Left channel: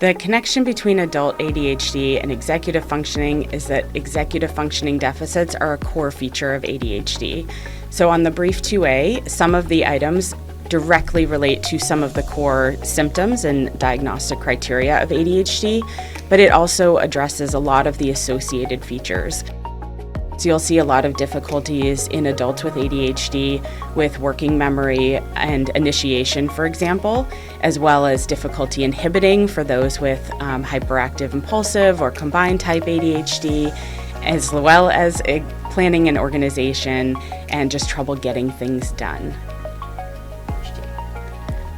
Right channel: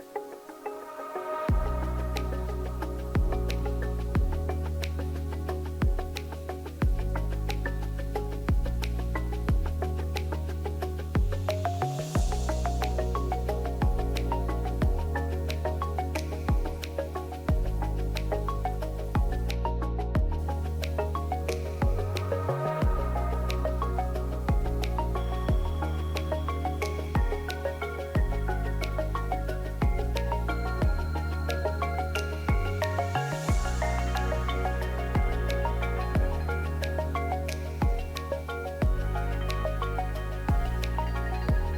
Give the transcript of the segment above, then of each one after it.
The connection between adult ADHD and executive functioning is that executive functioning deficits are a core feature of ADHD. So on the BRIEF2A, some of the items directly relate to some of the core symptoms and diagnostic criteria of ADHD, but it also addresses a lot of the associated features. So you'll see a lot of difficulties in adults with ADHD with working memory and initiation, for example, as well as difficulty inhibiting for those with hyperactive impulsive or combined type ADHD, as well as planning and organization and just trouble getting things done.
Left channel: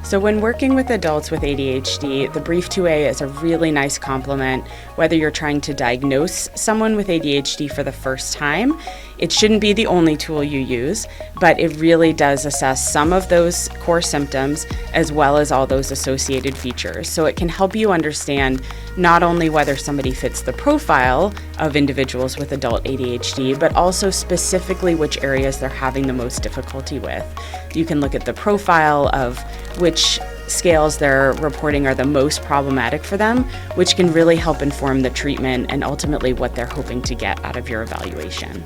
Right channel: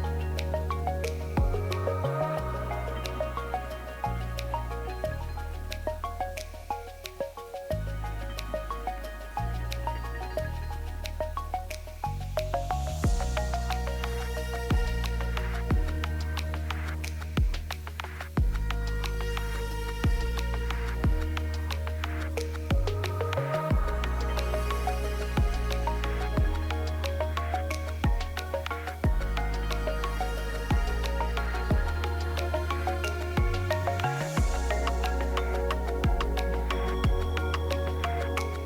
So when working with adults with ADHD, the BRIEF2A is a really nice complement. Whether you're trying to diagnose someone with ADHD for the first time, it shouldn't be the only tool you use, but it really does assess some of those core symptoms as well as all those associated features. So it can help you understand not only whether somebody fits the profile of individuals with adult ADHD, but also specifically which areas they're having the most difficulty with. You can look at the profile of which scales they're reporting are the most problematic for them, which can really help inform the treatment and ultimately what they're hoping to get out of your evaluation.